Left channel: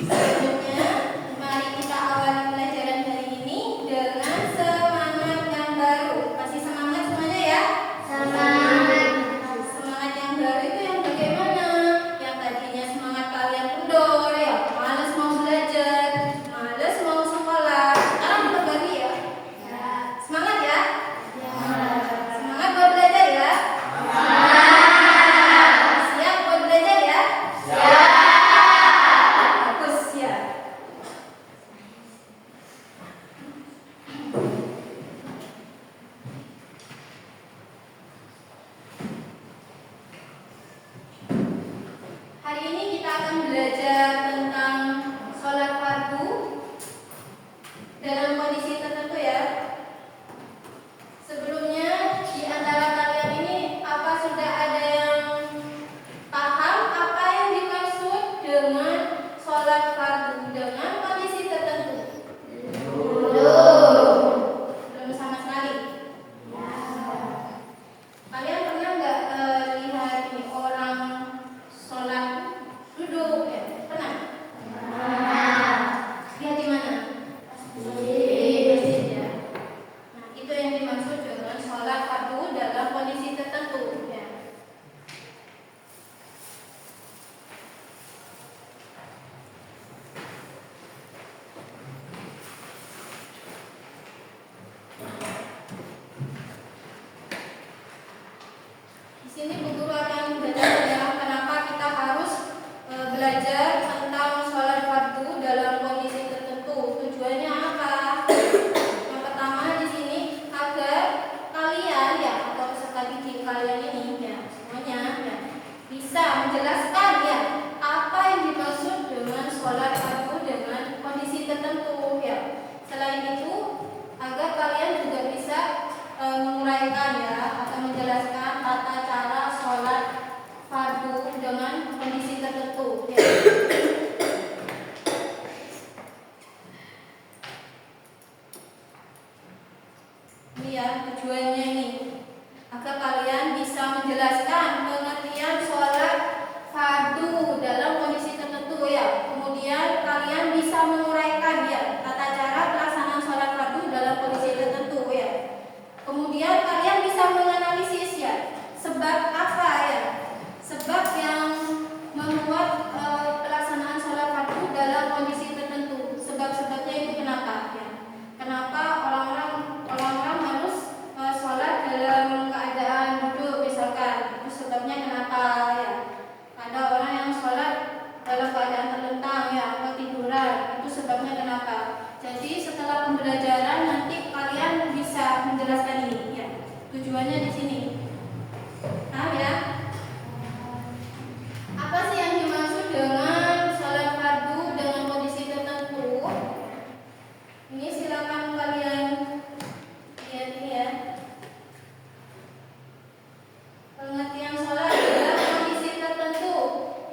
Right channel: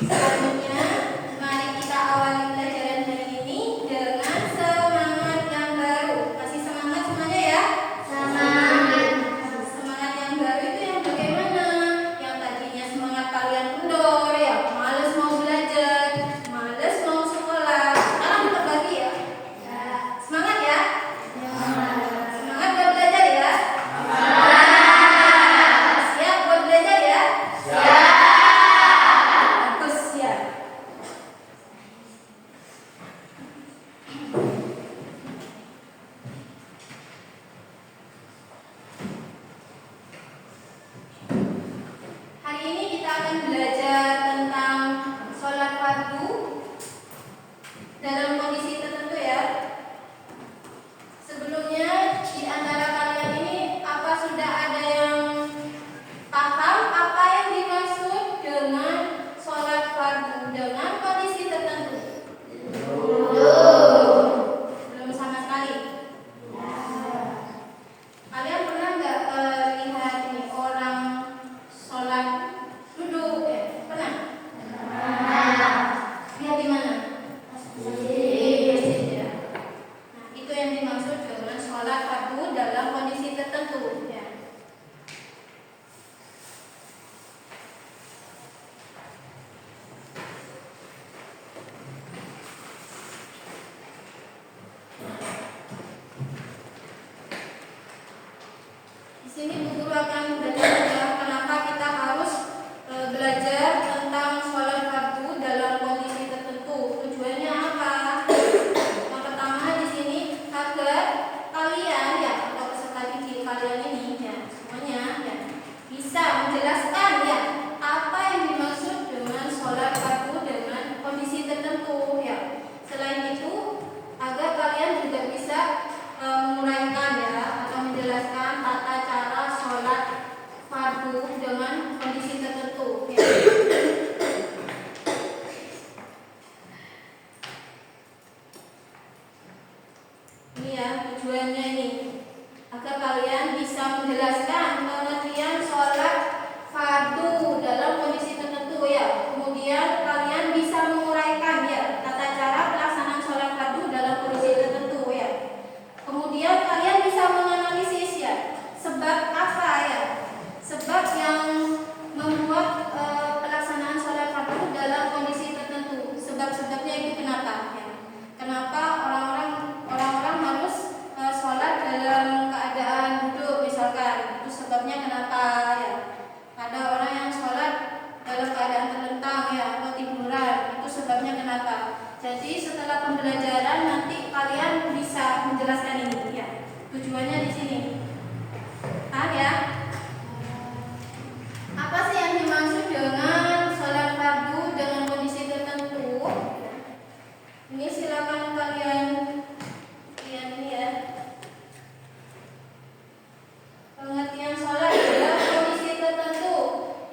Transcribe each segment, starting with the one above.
Selanjutnya, mari kita awali pelajaran hari ini dengan semangat yang baru. Kasih semangat semuanya ya. Semangat. Semangat yang baru itu yang bagaimana? Yang tadinya semangat kalian kendor ya, males mau belajar, males mau sekolah. Sekarang berbagi ya. Semangat ya. Semangat buat belajar ya. Siap buat belajar ya. Bagus ya. Hari ini kita akan belajar tentang sholat fardu dalam kondisi tertentu ya. Sebelumnya di antara kalian ini apa sudah ada yang paham apa yang dimaksud dengan sholat fardu dengan kondisi tertentu? Belum sama sekali. Kalian pernah nggak lihat nih orang sholat duduk ya? Pernah? Lihat di mana? Ya. Nah, itu yang dimaksud dengan sholat fardu dalam kondisi tertentu ya. Di sini Bu Guru akan belajar ya, kenapa kita harus belajar tentang sholat fardu dalam kondisi tertentu. Tujuannya apa? Yang pertama di sini agar kalian ya atau peserta didik kalian ini ya semuanya ya bisa menjelaskan ya apa yang dimaksud dengan sholat fardu dengan kondisi tertentu ya. Selain itu agar kalian juga bisa menguraikan ya atau menjelaskan tata cara sholat fardu dengan kondisi tertentu ya. Ini ya tujuannya ini agar kalian bisa menjelaskan pengertian sholat fardu dalam kondisi tertentu ya. Kemudian kalian bisa menguraikan ya tata cara pelaksanaan sholat fardu dalam kondisi tertentu ya. Kemudian kalian bisa menganalisis ya sebab apa ya, sebab yang membuat pelaksanaan sholat fardu dalam kondisi tertentu. Sebab-sebabnya itu kenapa ya? Kenapa orang-orang harus sholat dalam keadaan duduk misalkan? Itu sebabnya kenapa ya? Ada orang yang sholat dalam keadaan terlentang ya atau tiduran. Itu sebabnya kenapa? Jadi setelah pembelajaran nanti kalian bisa menjelaskan ini ya. Tujuannya di sini. Paham ya? Apa sih yang dimaksud dengan sholat fardu dengan kondisi tertentu? Ini silakan kalian lihat ini ya. Pengertian sholat dalam kondisi tertentu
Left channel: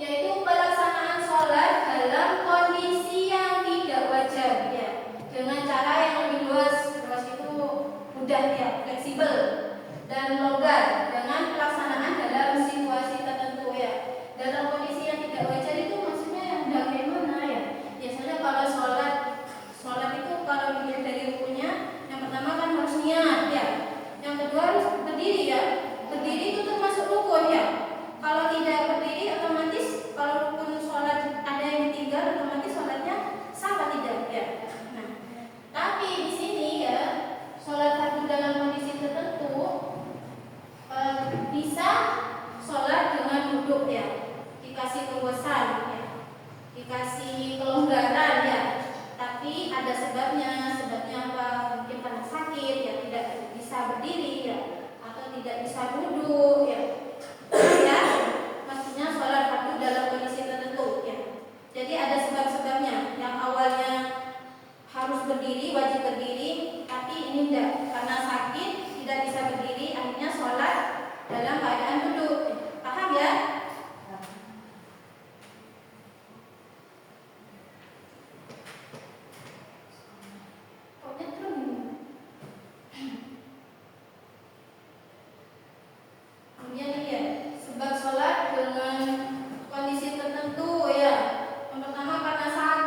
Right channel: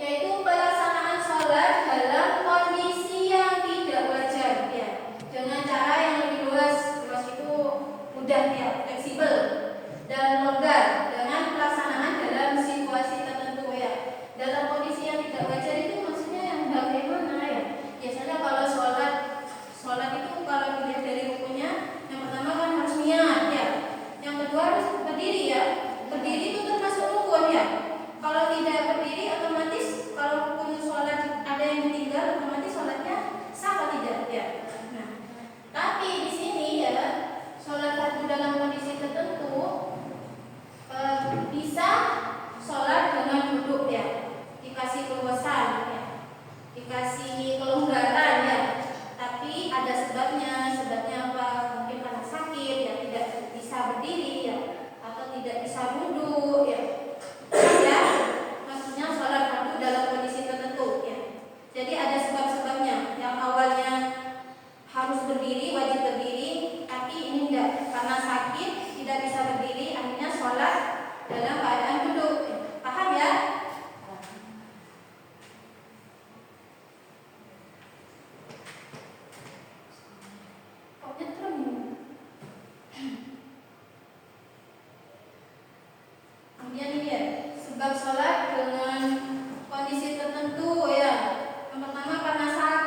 yaitu pelaksanaan sholat dalam kondisi yang tidak wajar ya, dengan cara yang lebih luas itu mudah ya, fleksibel dan longgar dengan pelaksanaan dalam situasi tertentu ya. Dalam kondisi yang tidak wajar itu maksudnya yang bagaimana ya? Biasanya kalau sholat itu kalau dilihat dari rukunnya, yang pertama kan harus niat ya, yang kedua harus berdiri ya. Berdiri itu termasuk rukun ya. Kalau tidak berdiri otomatis kalau rukun sholat ada yang ditinggal otomatis sholatnya sah atau tidak ya. Nah, tapi di sini ya sholat fardu dalam kondisi tertentu bisa sholat dengan duduk ya, dikasih keluasan ya, dikasih kelonggaran ya. Tapi ada sebabnya. Sebabnya apa? Mungkin karena sakit ya, tidak bisa berdiri ya, atau tidak bisa duduk ya. Ya, maksudnya sholat fardu dalam kondisi tertentu ya. Jadi ada sebab-sebabnya. Yang awalnya harus berdiri, wajib berdiri, tapi ini tidak, karena sakit tidak bisa berdiri, akhirnya sholat dalam keadaan duduk. Paham ya? Kok nyetrum? Kemudian ini ya, sebab sholat dengan kondisi tertentu ya. Yang pertama karena sakit.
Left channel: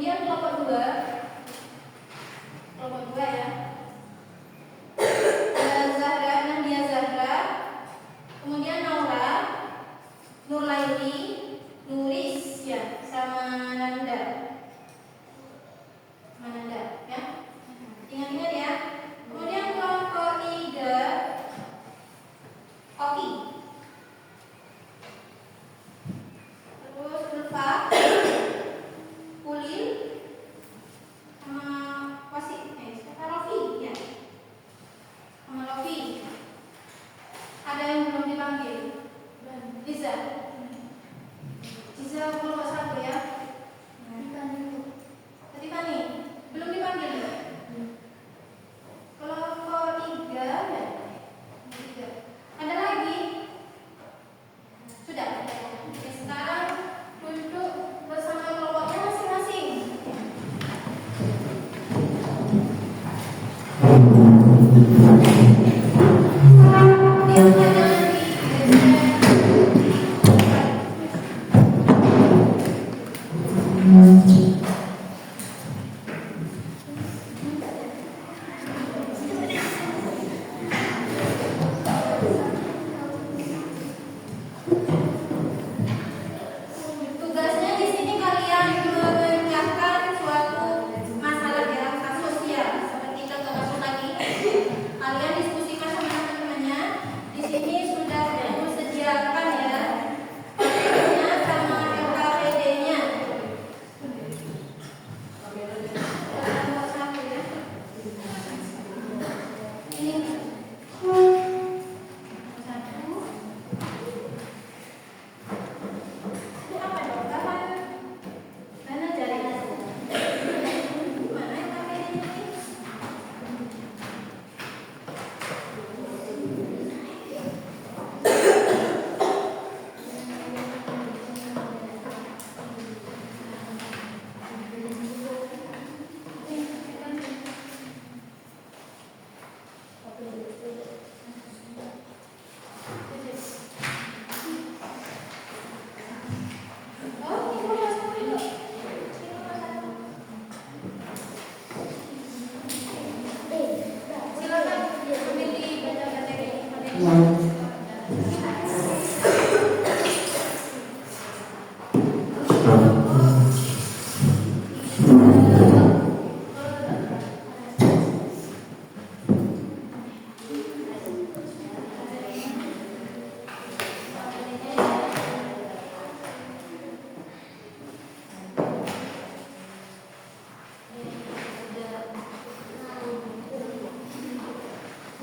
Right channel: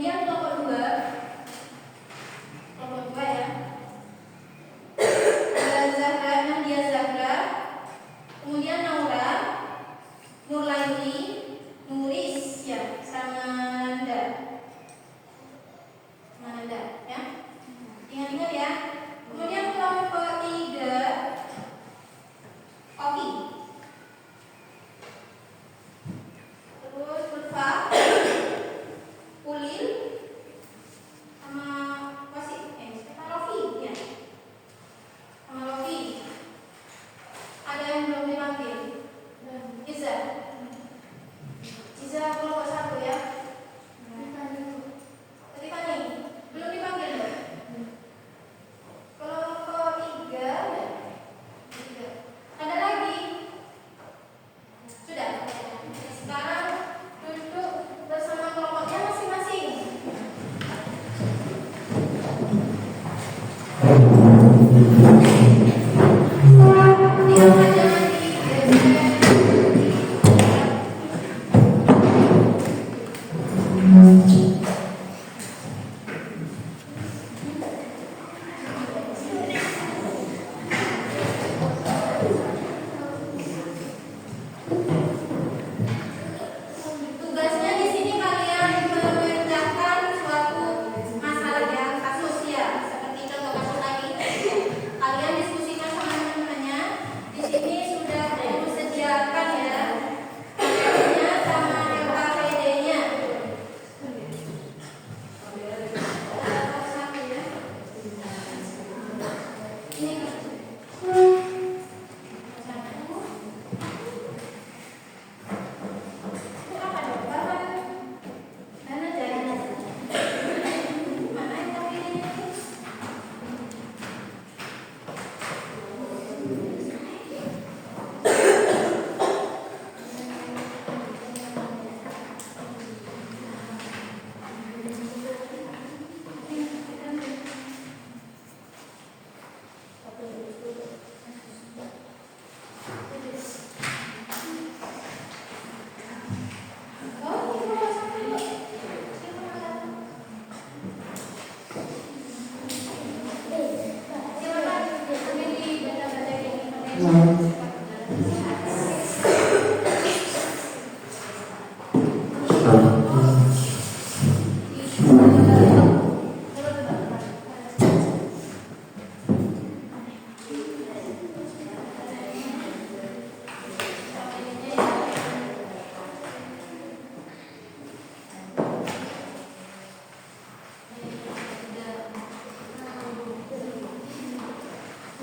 Kemudian kelompok dua ya. Zahra, Nadia Zahra, kemudian Naura, Nurlaili, Nuris ya, sama Nanda ya. Ingat-ingat ya. Kemudian kelompok tiga Oki, terus Ulfa, Ulil, sama Rofi ya, sama Rofi. Ada yang belum dipanggil? Iza kelompok satu ya. Tadi Fani belum dipanggil ya? Kelompok tiga ya? Tiga. Ada lagi? Sudah. Oke, sekarang duduk bersama kelompoknya masing-masing. Lihat saja nanti. Tugasnya di sini kalian memecahkan suatu masalah yang kasus ya, seperti contoh kasus tadi. Kalian diskusikan sama teman-temannya. Di sini sudah disediakan ya, PDF-nya sama LKPD-nya. Nomor satu ya. Ini satu. Itu apa dong? Mana cari? Mana LKPD-nya ini? Oh, ini nomor satu. Ini nomor satu. Silakan ambil di materi ini.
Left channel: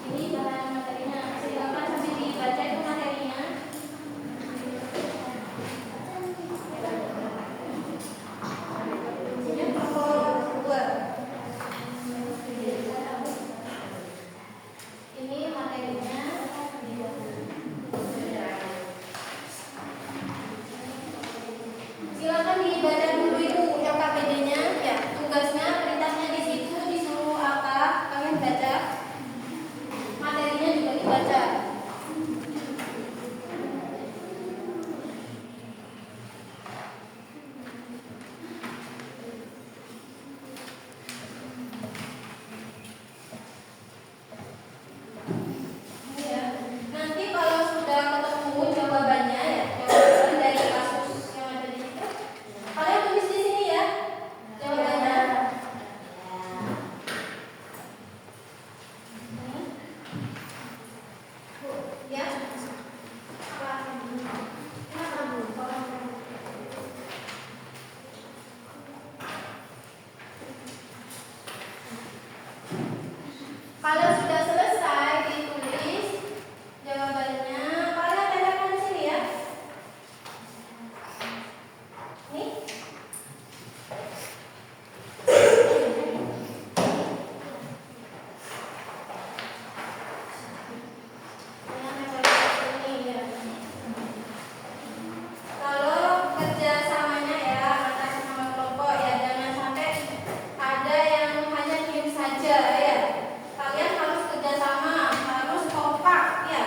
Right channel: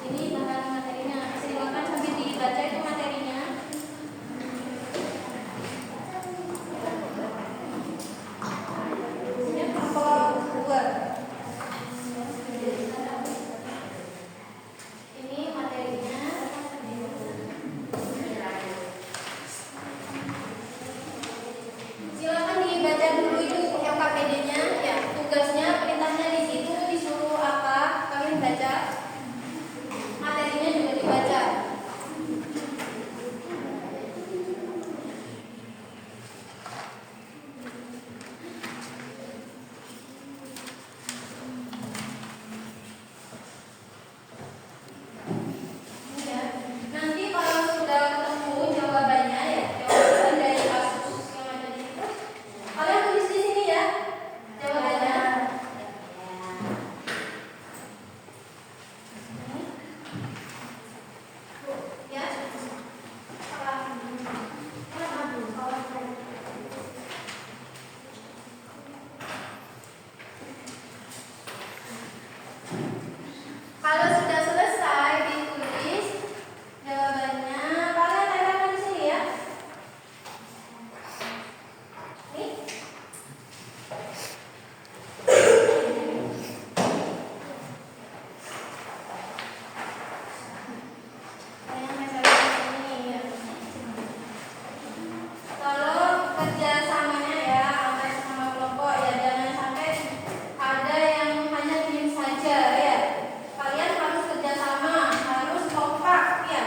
Ini bahan materinya. Silakan sambil dibaca itu materinya. Ini kelompok dua. Ini materinya. Silakan dibaca dulu itu LKPD-nya ya. Tugasnya, perintahnya di situ disuruh apa? Kalian baca. Materinya juga dibaca. Ya. Nanti kalau sudah ketemu jawabannya ya, jawaban dari kasus yang ada di situ, kalian tulis di sini ya jawabannya. Ya. Kalau sudah selesai ditulis jawabannya, kalian tempelkan di sini ya. Nih. Kalian tempelkan di sini ya. Kalau kerjasamanya ya antar sama kelompok ya, jangan sampai ada yang hanya diam saja ya. Kalian harus kerjasama, harus kompak ya.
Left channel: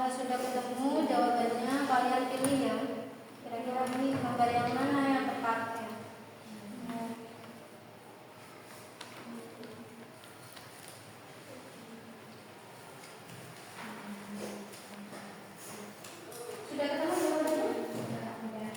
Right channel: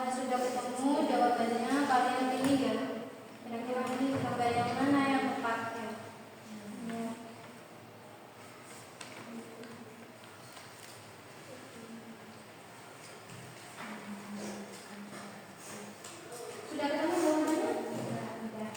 Karena sudah ketemu jawabannya, kalian pilih ya. Kira-kira ini gambar yang mana yang tepatnya? Ya. Sudah ketemu jawabannya? Sudah.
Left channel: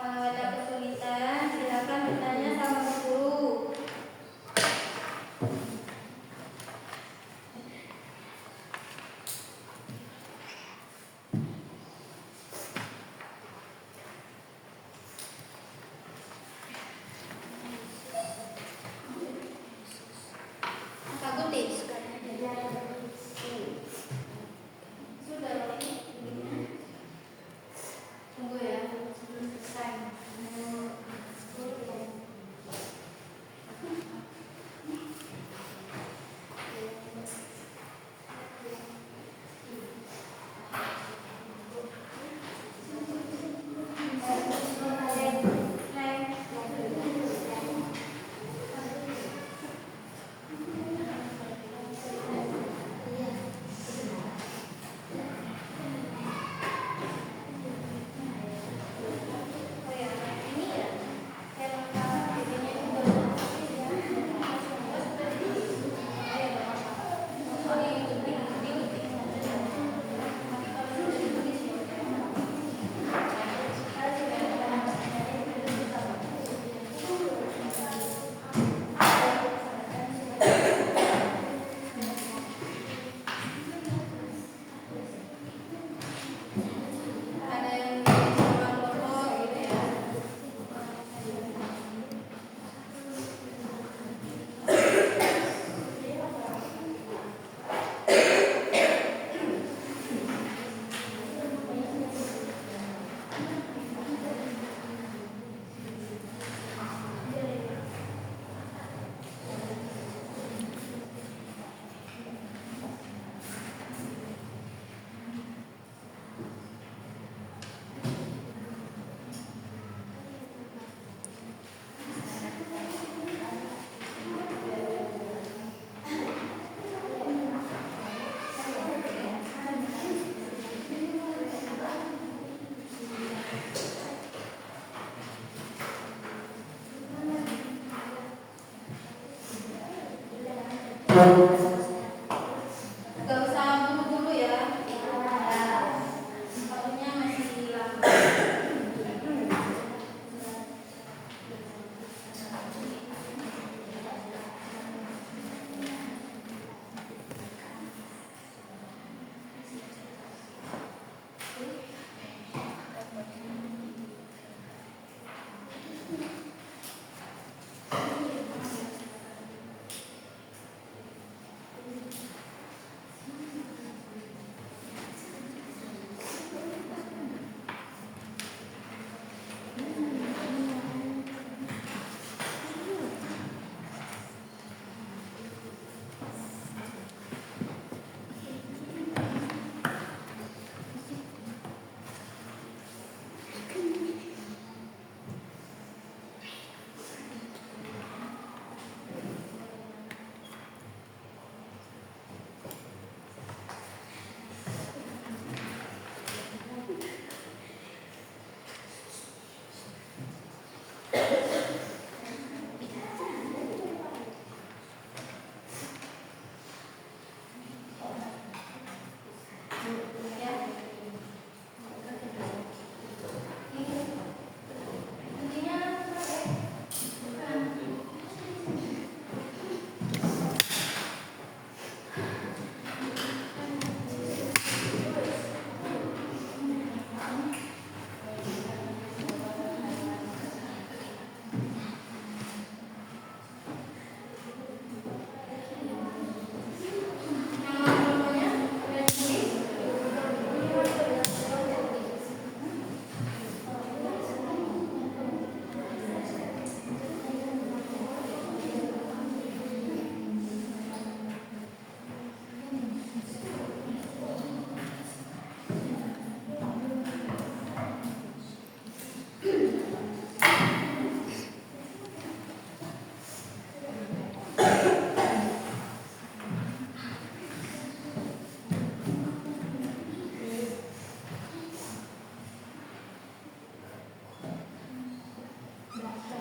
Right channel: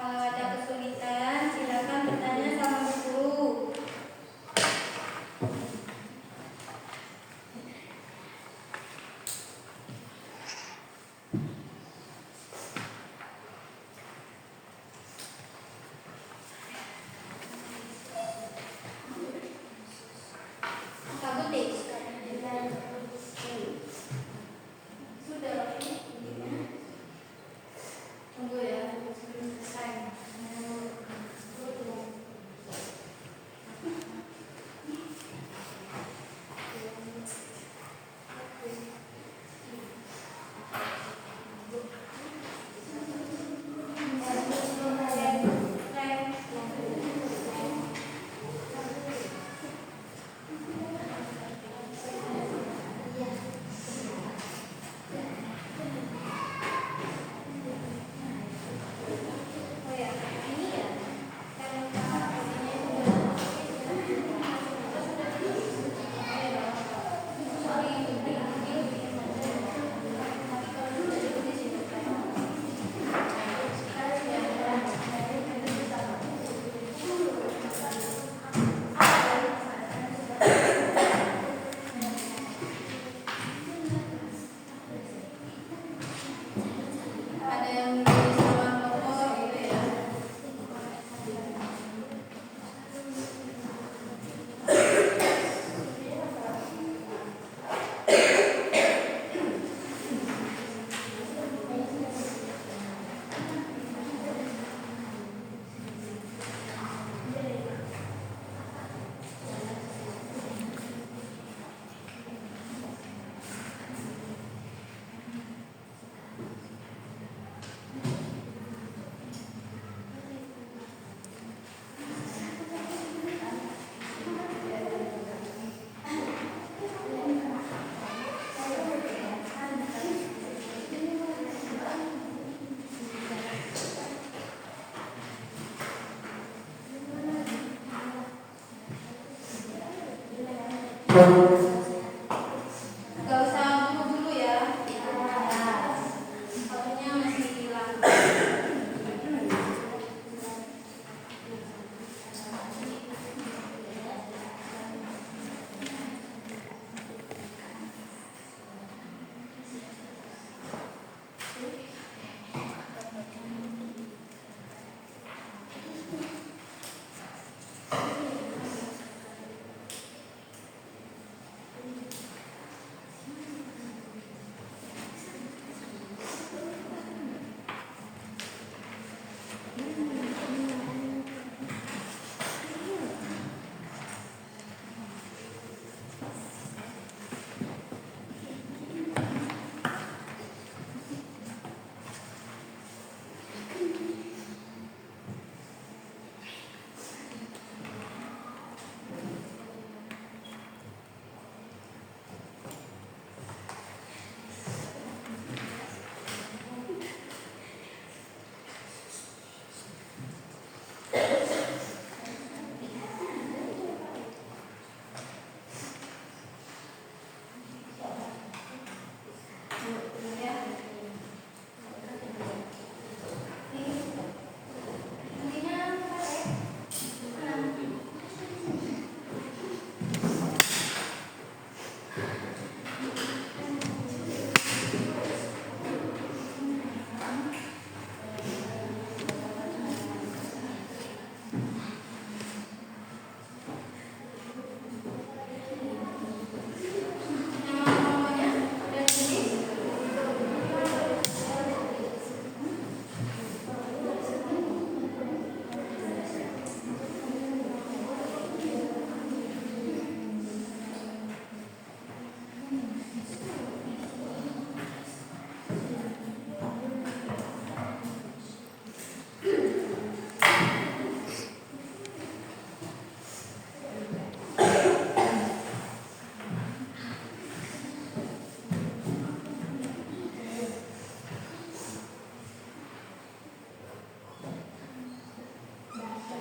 Kalau ada kesulitan, silakan bertanya sama guru. Sabutik. Sudah. Tunggu ya, sebelum selesai. Oh ya, ini ya. Ada yang nulis sama nomor gitu ya. Gak usah bunuh dulu ya. Soalnya masih hilang.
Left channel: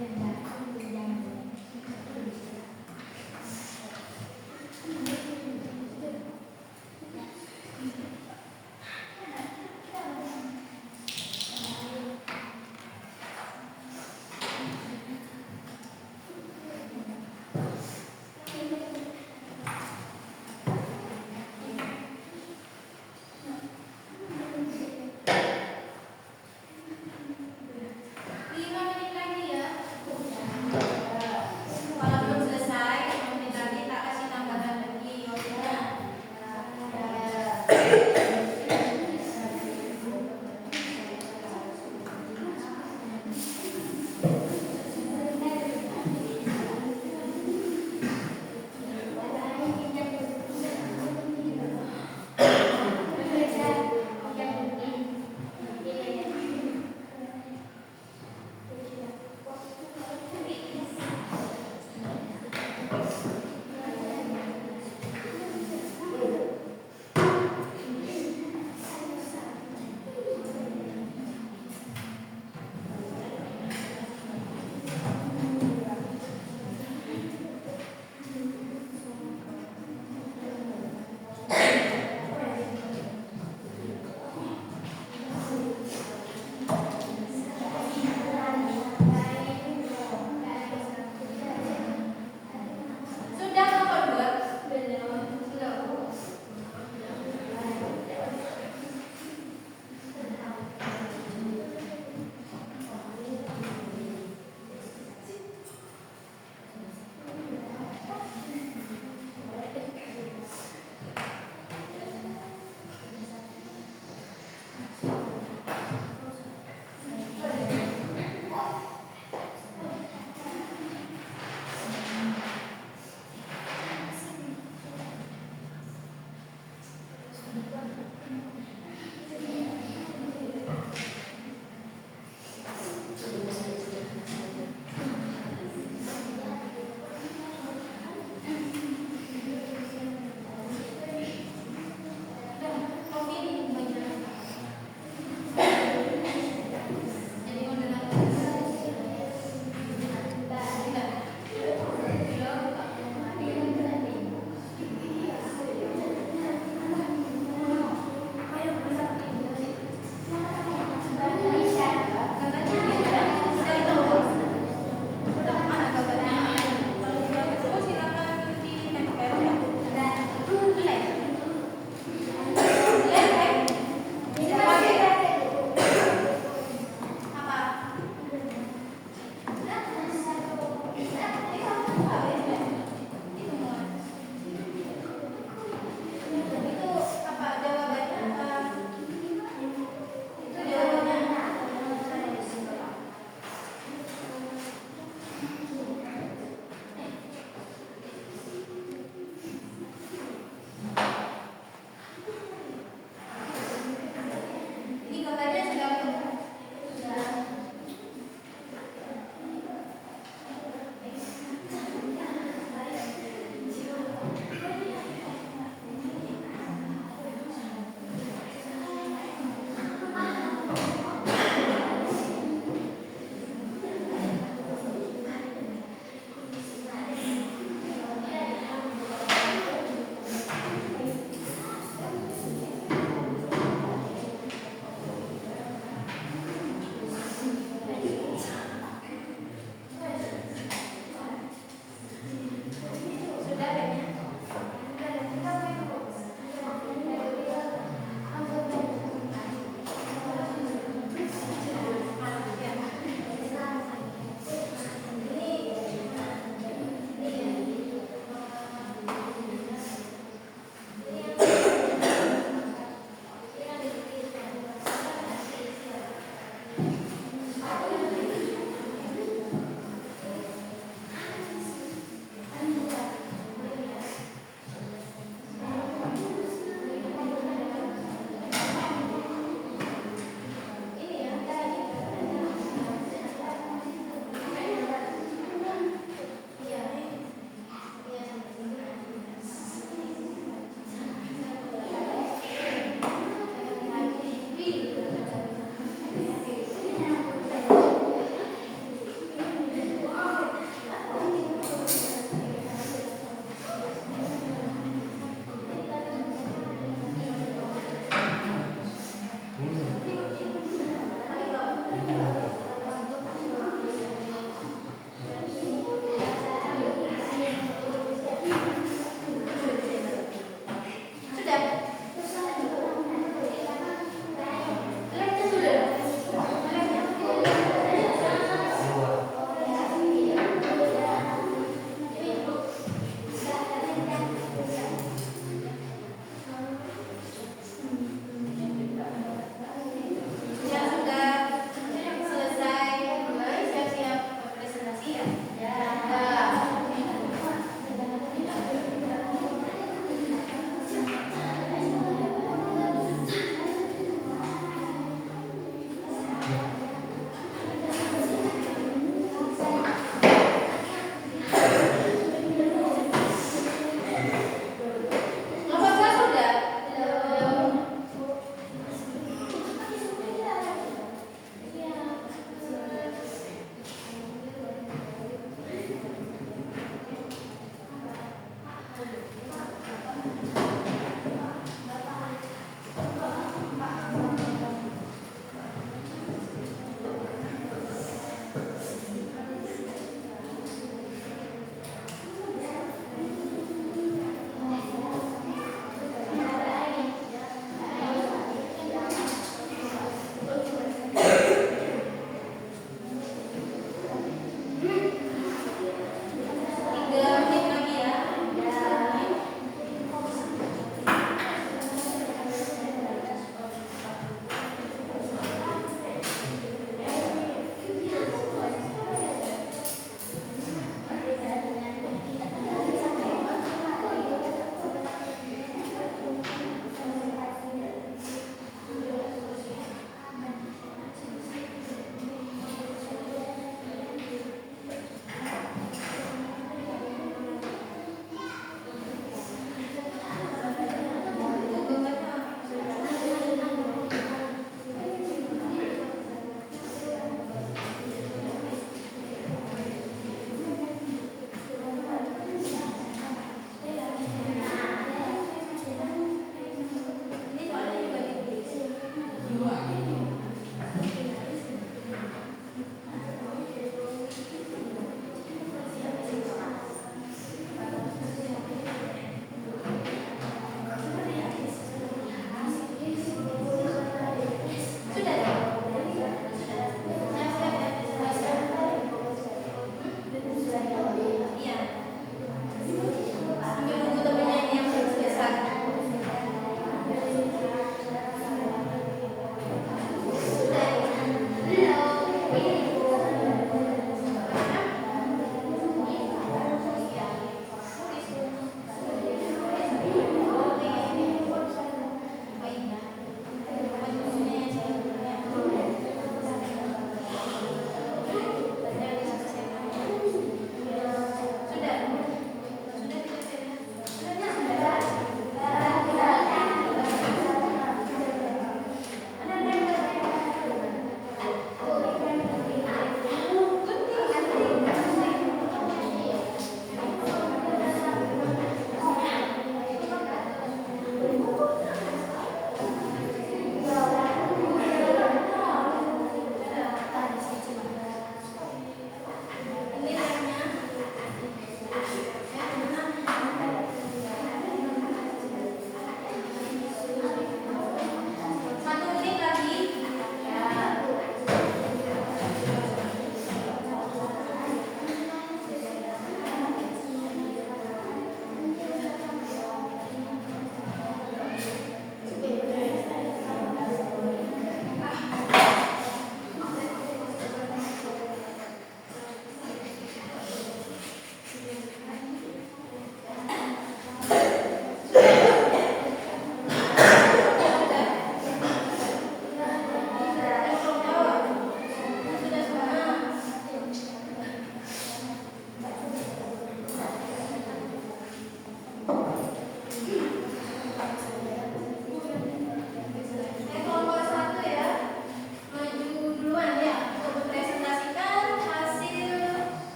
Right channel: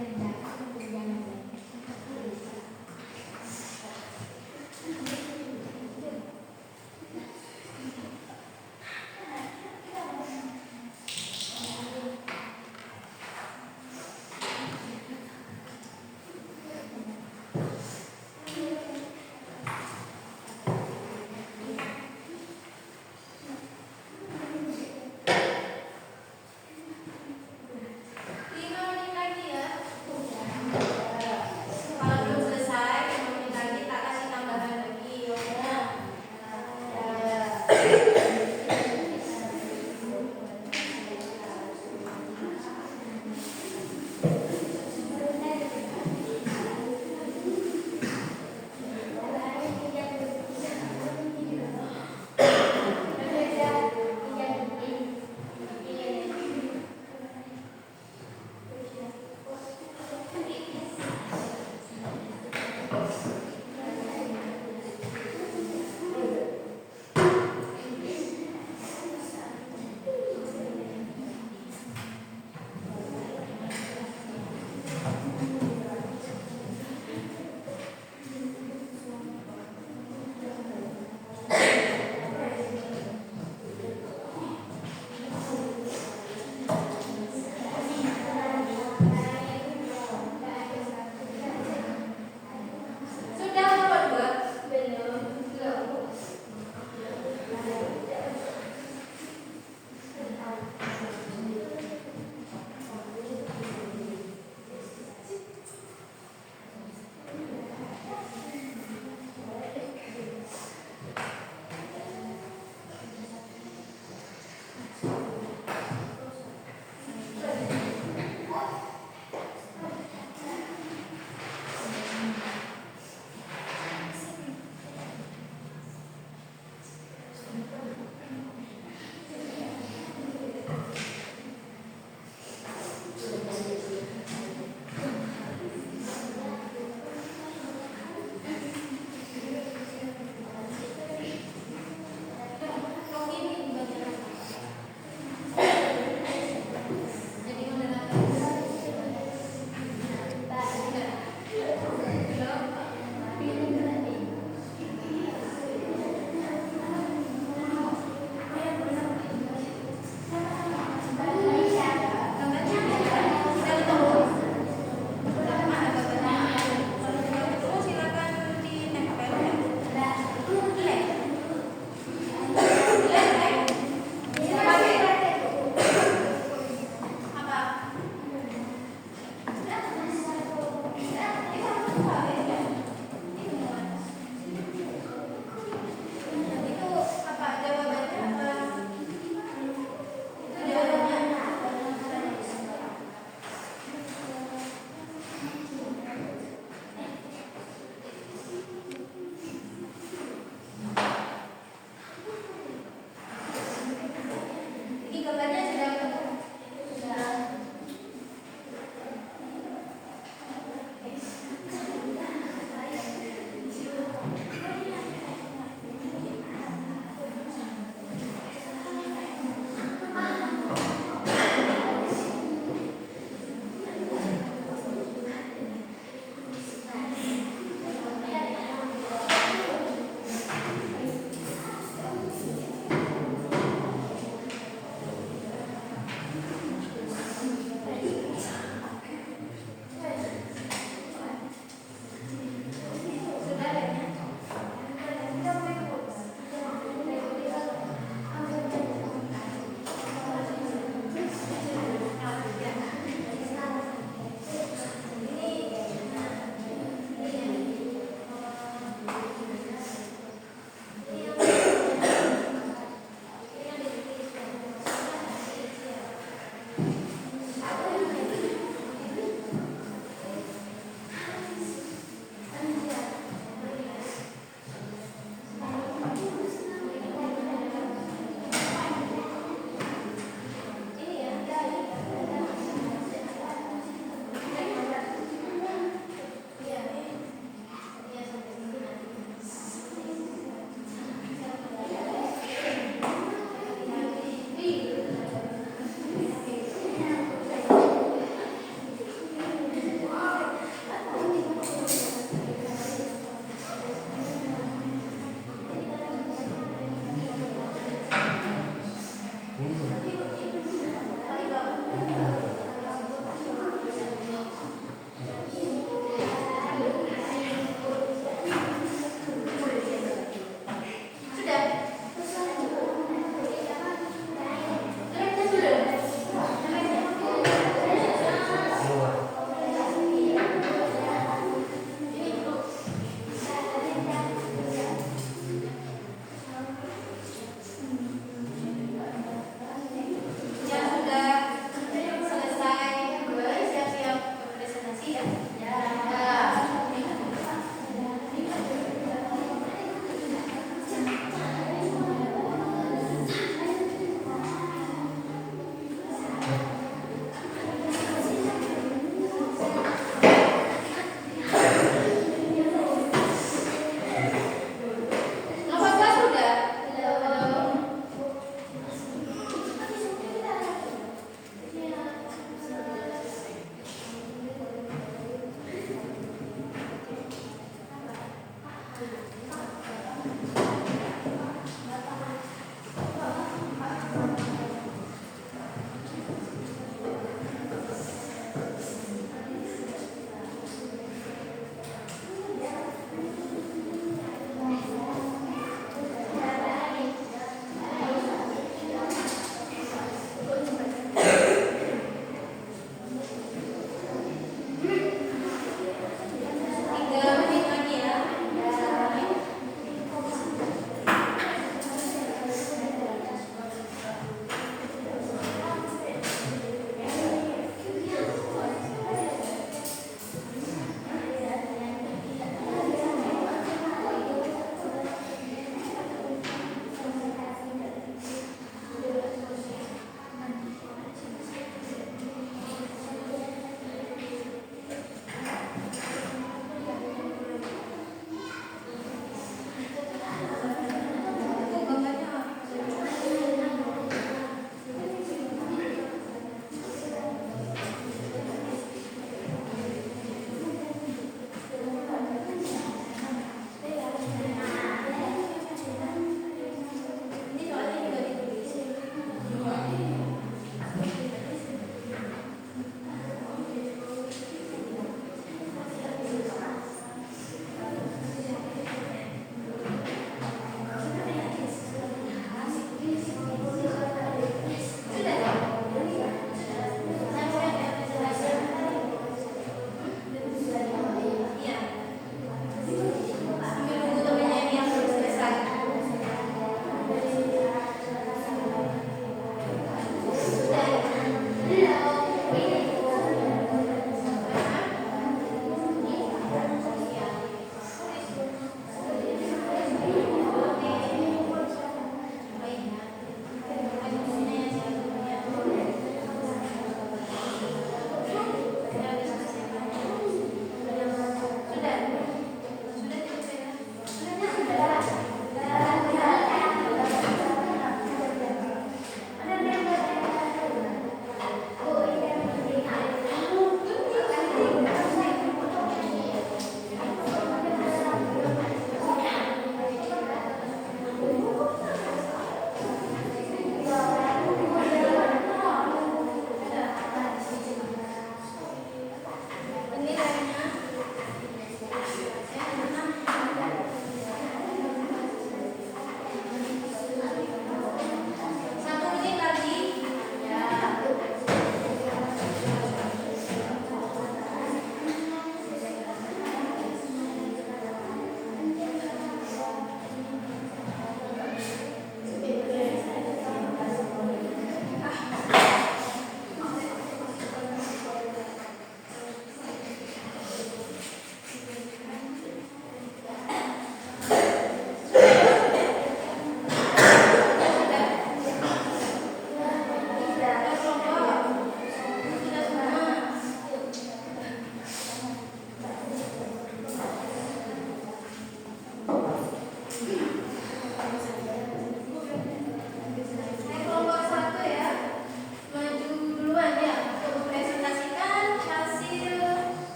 5 menit lagi ya.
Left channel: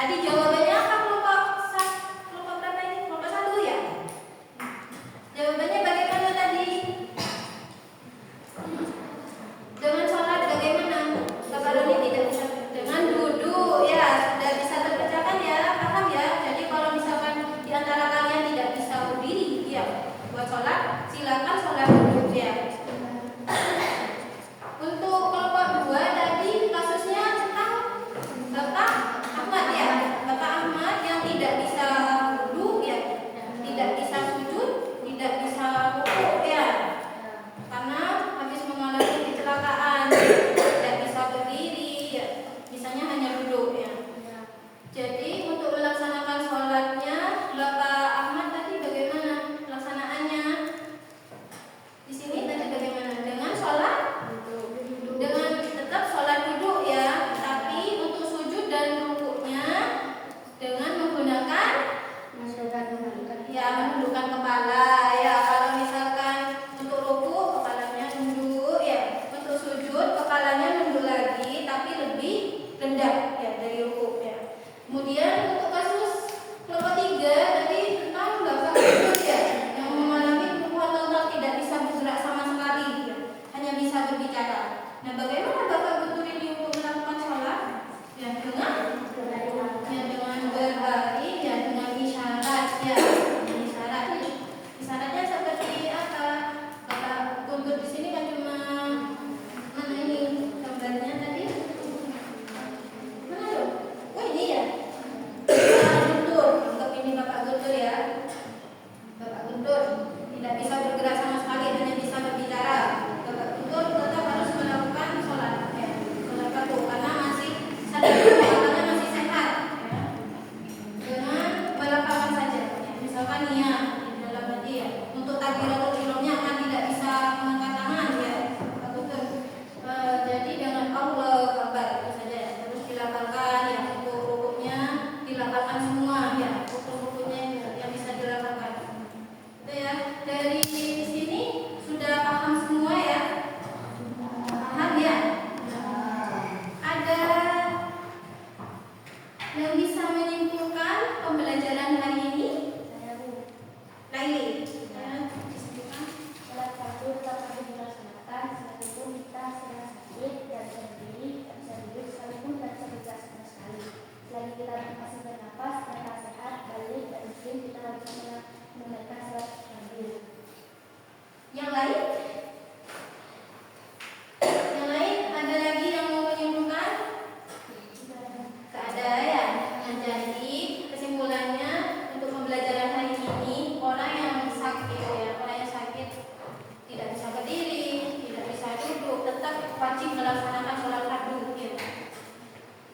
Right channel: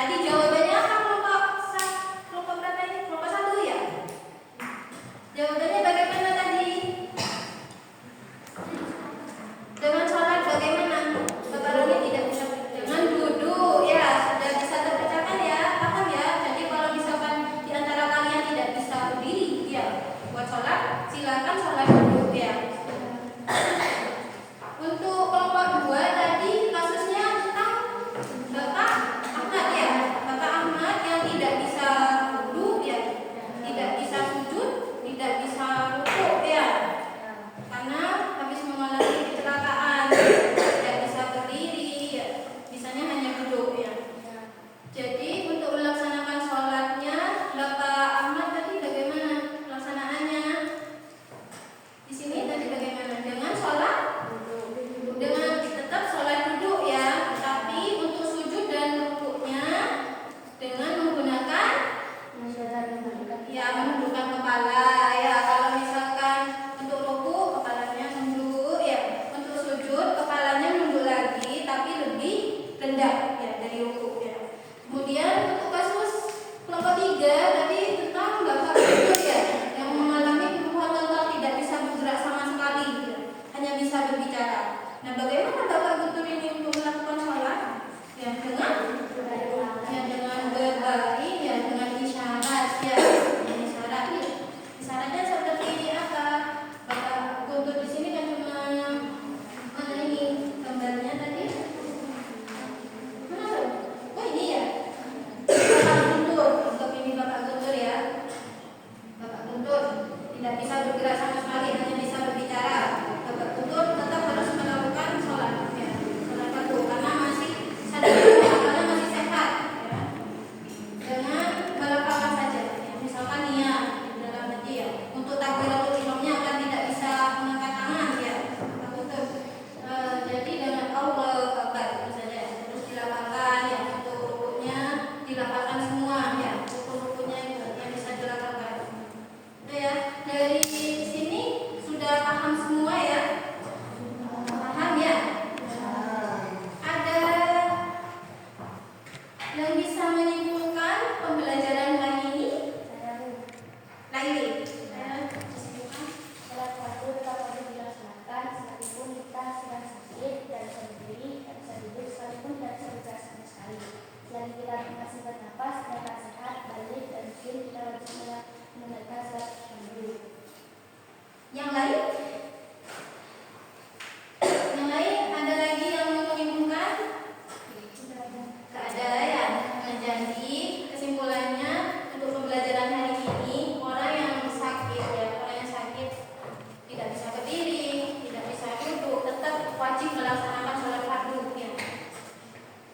Tadi jawabannya apa kelompok berapa ini? Kelompok 1 ya? Jawabannya bagaimana tadi? Dengan sholat bagaimana? Bapak Roni tidak bisa dengan duduk ya, sudah bisa terpecahkan ya, paham ya? Jadi kalau misalkan di antara kalian tidak bisa berdiri ya, buat sholat silakan sholat duduk ya. Untuk kelompok 2 tadi kasusnya tentang Bapak Ahmad ya, Bapak Ahmad yang tidak bisa duduk ya, tidak bisa sujud, tidak bisa rukuk ya, karena habis mengalami kecelakaan, tidak bisa berdiri ya, bisanya hanya duduk ya. Jadi untuk melaksanakan sholatnya Bapak Ahmad tadi bagaimana pelaksanaannya? Di sini tadi bagaimana? Dengan sholat, dengan tetap sholat duduk ya, tapi untuk sujud dan rukuknya dengan menggunakan ya menundukkan kepala ya. Kalau misalkan untuk rukuk kepalanya nunduk ya, untuk sujud kepalanya nunduk lagi tapi lebih rendah ya dari rukuk ya. Kemudian untuk kasus kelompok 3 tadi tentang Bapak Guntur ya, yang mengalami kelumpuhan total, tidak bisa bergerak sama sekali ya, hanya bisa berbicara. Nah, bagaimana Bapak Guntur ini untuk melakukan sholat? Ya dengan berbaring ya, dengan isyarat ya, isyarat ya. Isyaratnya seperti apa? Bapak Guntur di sini kan cuma mana ini gambarnya tadi? Mana tuh? Oh ini ya. Bapak Guntur, untuk ini Bapak Guntur ya. Bapak Guntur tidak bisa bergerak sama sekali, hanya bisa berbicara. Bapak Guntur tetap harus melakukan sholat ya, sholat fardu karena masih sadar, akalnya masih sehat ya. Dengan melafalkan saja ya. Misalkan niat di dalam hati ya, untuk takbiratul ihramnya akan tidak bisa mengangkat tangan ya, Bapak Guntur. Jadi dengan Allahu Akbar itu saja ya. Terus dilafalkan ya, untuk rukuknya dilafalkan semua ya, rukuk-rukuknya yang bisa dilafalkan. Itu ya. Dari sini sudah paham semua ya? Paham ya? Ada yang bisa menyimpulkan pembelajaran hari ini? Laili. Sholat fardu tetap harus dilaksanakan meskipun kita sedang sakit, tidak bisa berdiri, tidak bisa duduk, sekalipun tidak bisa bergerak sama sekali. Selain kita masih bernafas, kita sehat, balik dan muslim, kita bisa menunaikan sholat fardu. Yang lain? Yang lain ada lagi yang mau menyimpulkan? Keadaan. Nah, jadi kesimpulannya untuk pembelajaran hari ini, orang yang sakit ya, orang yang sakit tidak bisa berdiri, tidak bisa duduk, tetap wajib melaksanakan sholat fardu ya.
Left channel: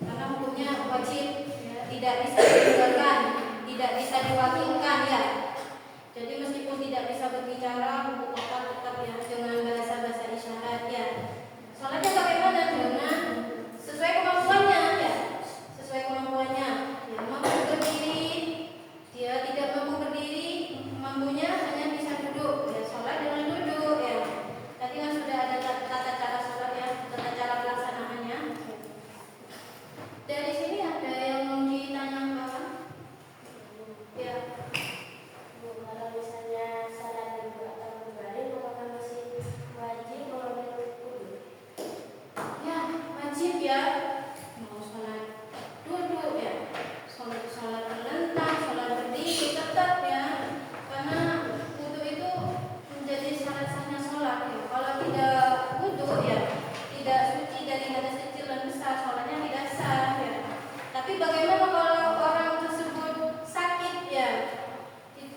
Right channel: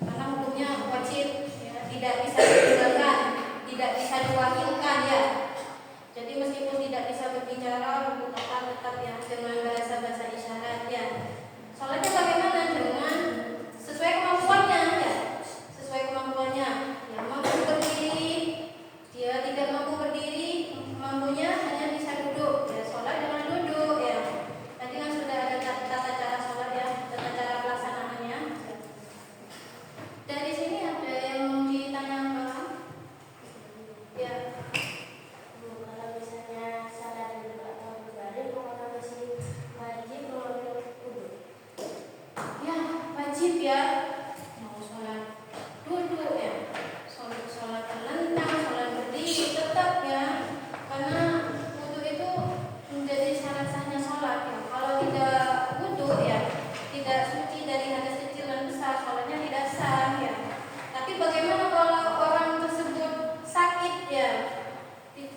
Karena hukumnya wajib ya, tidak bisa ditinggalkan, tidak bisa diwakilkan ya. Jadi meskipun tidak bisa berbicara, untuk tetap ya dengan bahasa-bahasa isyarat ya. Sholatnya bagaimana? Dengan sesuai kemampuannya ya, sesuai kemampuannya. Ya, mampu berdiri, dia tidak mampu berdiri, mampunya hanya bisa duduk. Ya, sholat dengan duduk ya. Tadi kan sudah ada tata cara sholat ya, tata cara pelaksanaannya. Dari sini ada yang ditanyakan? Ya. Kalau misalnya sholat dan atau berbaring, apakah masih wajib mengambil wudhu? Ya, wajib ya. Mau sholat duduk ya, sholat terlentang, sholat berdiri tetap ya. Karena wudhu itu menjadi syarat sahnya sholat ya. Kalau tidak wudhu ya, tidak suci dari hadas kecil dan besar, sholatnya tidak sah ya. Tapi bagaimana kalau orang tersebut sakit ya,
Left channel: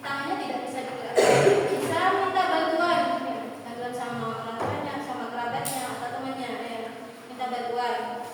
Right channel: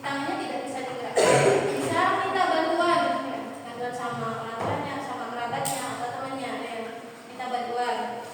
tangannya tidak bisa digerakkan, bisa minta bantuan ya, bantuan sama orang tuanya, sama kerabatnya atau temannya ya, minta bantuan.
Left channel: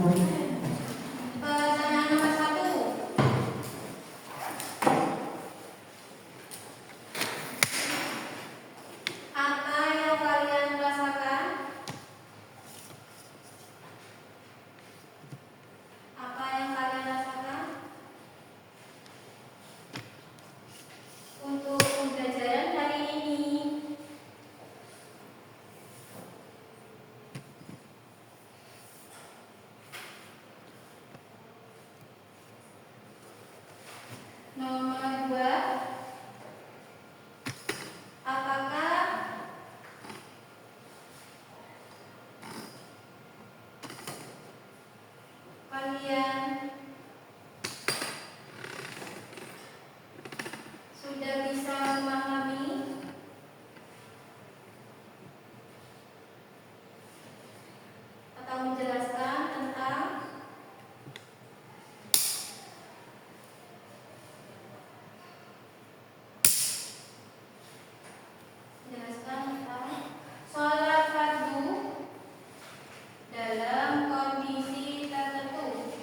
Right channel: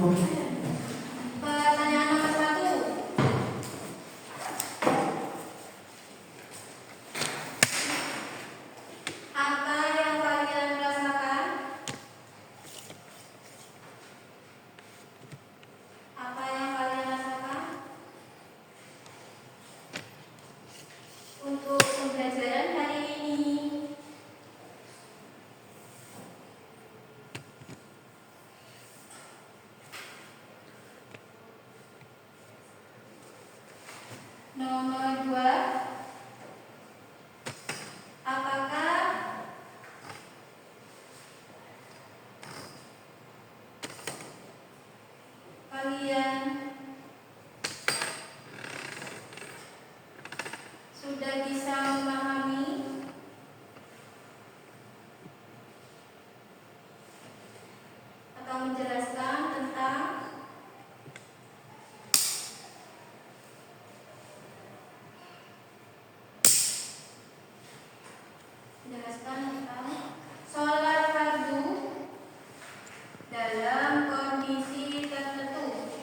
Pertanyaan nomor 1. Apa yang kalian rasakan? Apa yang kalian rasakan? Untuk pembelajaran hari ini, nomor 2, apakah kalian sudah bisa memahami atau menjelaskan tentang sholat fardu dalam kondisi tertentu?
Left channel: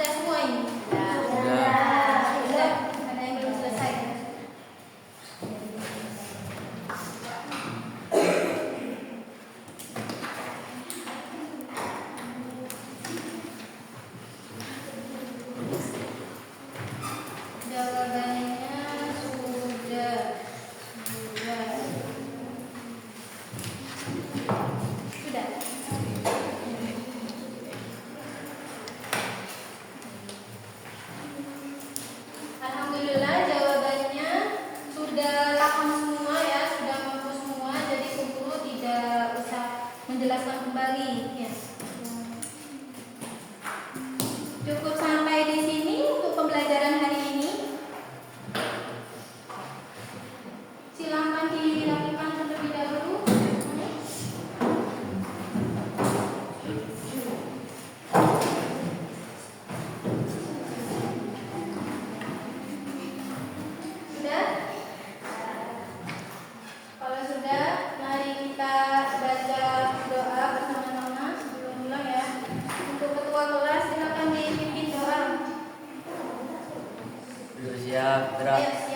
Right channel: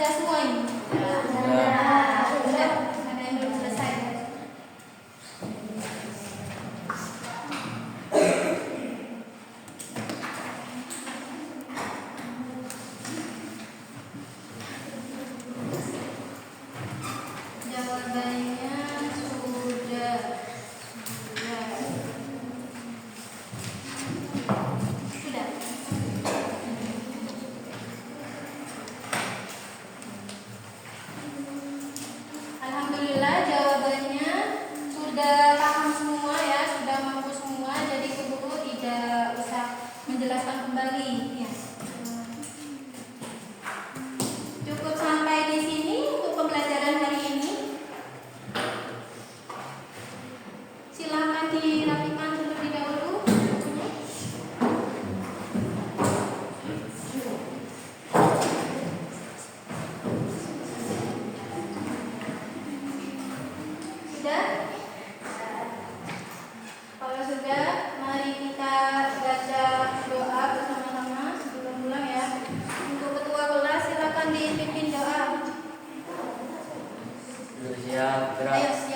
sudah semua ini? Sudah. Ada yang belum selesai? Jawabannya sudah. Sudah. Alhamdulillah jawabannya sudah paham semua ya, sudah mampu semua, jadi keburu tidak usah menjelaskan kembali ya. Cukup sampai di sini untuk pembelajaran hari ini. Silakan dilakukan terlebih dahulu. Sudah? Kalau sudah, mari kita baca doa bersama-sama sebelum pulang ya. Untuk ketua kelas silakan dipimpin doa. Siap, gerak. Ayo.